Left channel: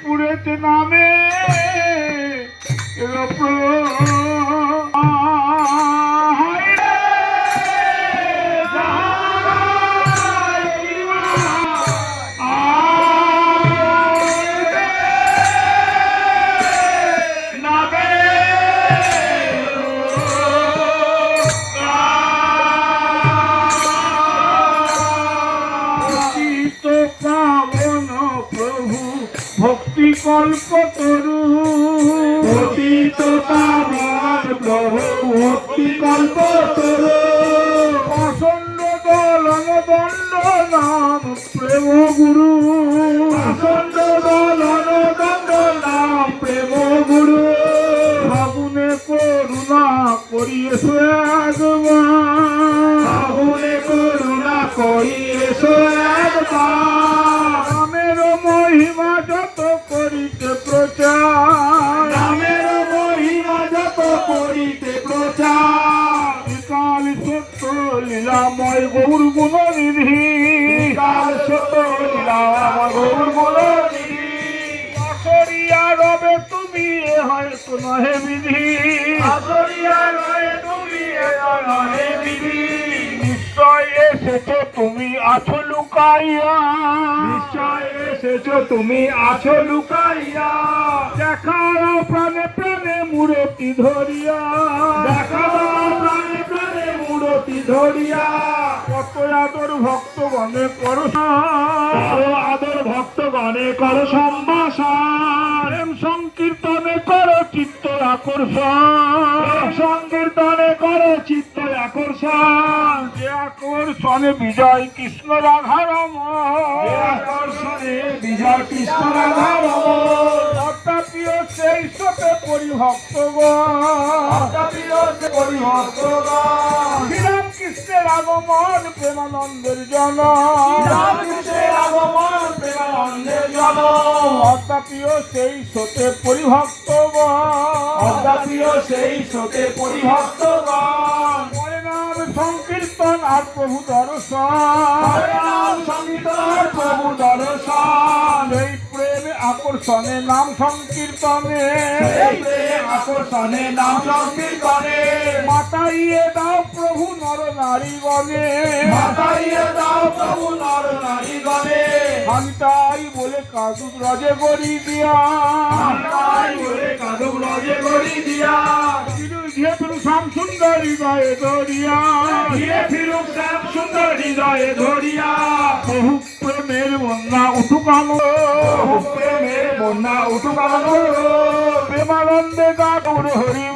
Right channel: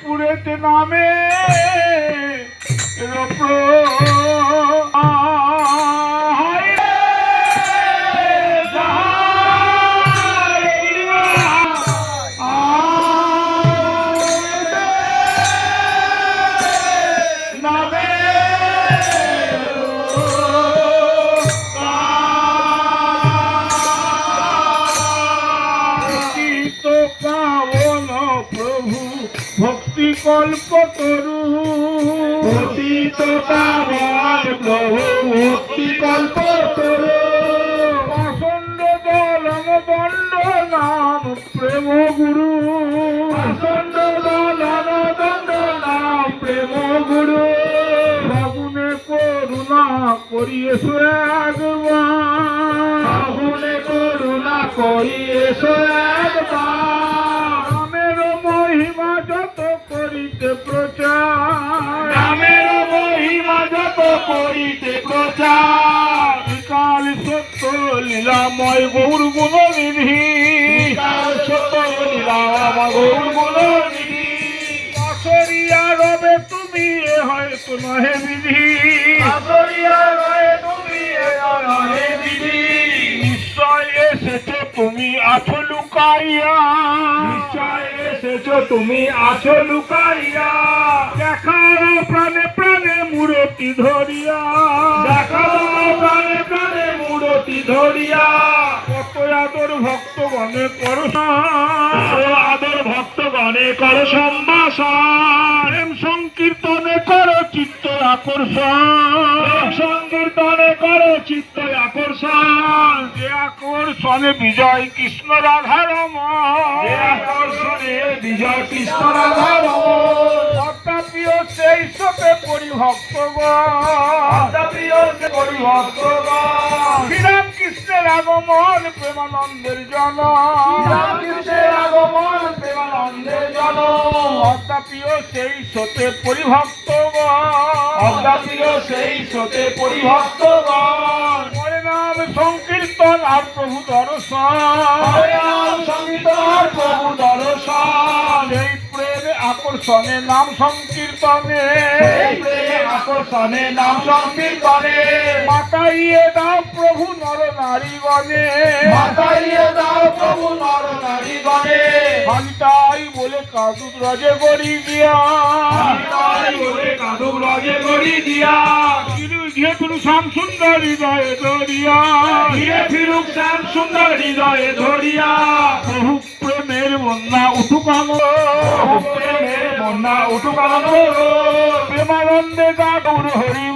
পুরেতে নামে ভক্তি কল্প তরু পতিত পাবন প্রভু ভক্তি কল্প তরু প্রচন্ড দলন দণ্ড নাম প্রেম গুরু প্রচন্ড দলন দণ্ড নাম প্রেম গুরু ফাগুনে করুণা করিয়েছো একবার ফাগুনে করুণা করিয়েছো একবার নামের মহিমা যত করিতে প্রচার নামের মহিমা যত করিতে প্রচার বিকাল সত্য লীলাময় গৌর গুণনিধি বিকাল সত্য লীলাময় গৌর গুণনিধি আসরিয়া রবে তুমি হয়তো নহে বিধি আসরিয়া রবে তুমি নহে বিধি নিশ্চয় এসেছো তুমি আছো লুকাইয়া নিশ্চয় এসেছো তুমি আছো লুকাইয়া দেখাও প্রাণে প্রাণে মূরতি ধরিয়া দেখাও প্রাণে প্রাণে মূরতি ধরিয়া কত আদর ভক্তগণে করো আদর ভক্তগণে করো সম্ভাষণ প্রেম সংকীর্তনে করো চিত্ত আকর্ষণ সংকীর্তনে করো চিত্ত আকর্ষণ যে আকর্ষণে বিজয় কৃষ্ণ রাধা রমণ যে আকর্ষণে বিজয় কৃষ্ণ রাধা রমণ অর্থাপ্রিয় সেই সতে পরিভক্তগণ শ্রীরাম কৃষ্ণের আগমন প্রেমানন্দের জন কৃষ্ণের আগমন প্রেমানন্দের জন অর্থাপ্রিয় সেই সতে পরিভক্তগণ অর্থাপ্রিয় সেই সতে পরিভক্তগণ নাম সংকীর্তন আর প্রভু দর্শন সংকীর্তন প্রভু দর্শন এই প্রেমে আকর্ষণে নাম সংকীর্তনে আকর্ষণে নাম সংকীর্তনে মাতাইয়ে দাও প্রভু নর নারীগণে মাতাইয়ে দাও প্রভু নর নারীগণে হান্তাই বলে কাদুক রাজে গড়ি দিয়া হান্তাই বলে কাদুক রাজে গড়ি দিয়া ধীরে ফিরুক শ্যাম সুন্দর হৃদয়ে ধরিয়া ধীরে ফিরুক শ্যাম সুন্দর হৃদয়ে ধরিয়া প্রভু প্রেমের বন্যা উঠুক প্রেমের বন্যা উঠুক প্রেমানন্দে গা গৌর হরি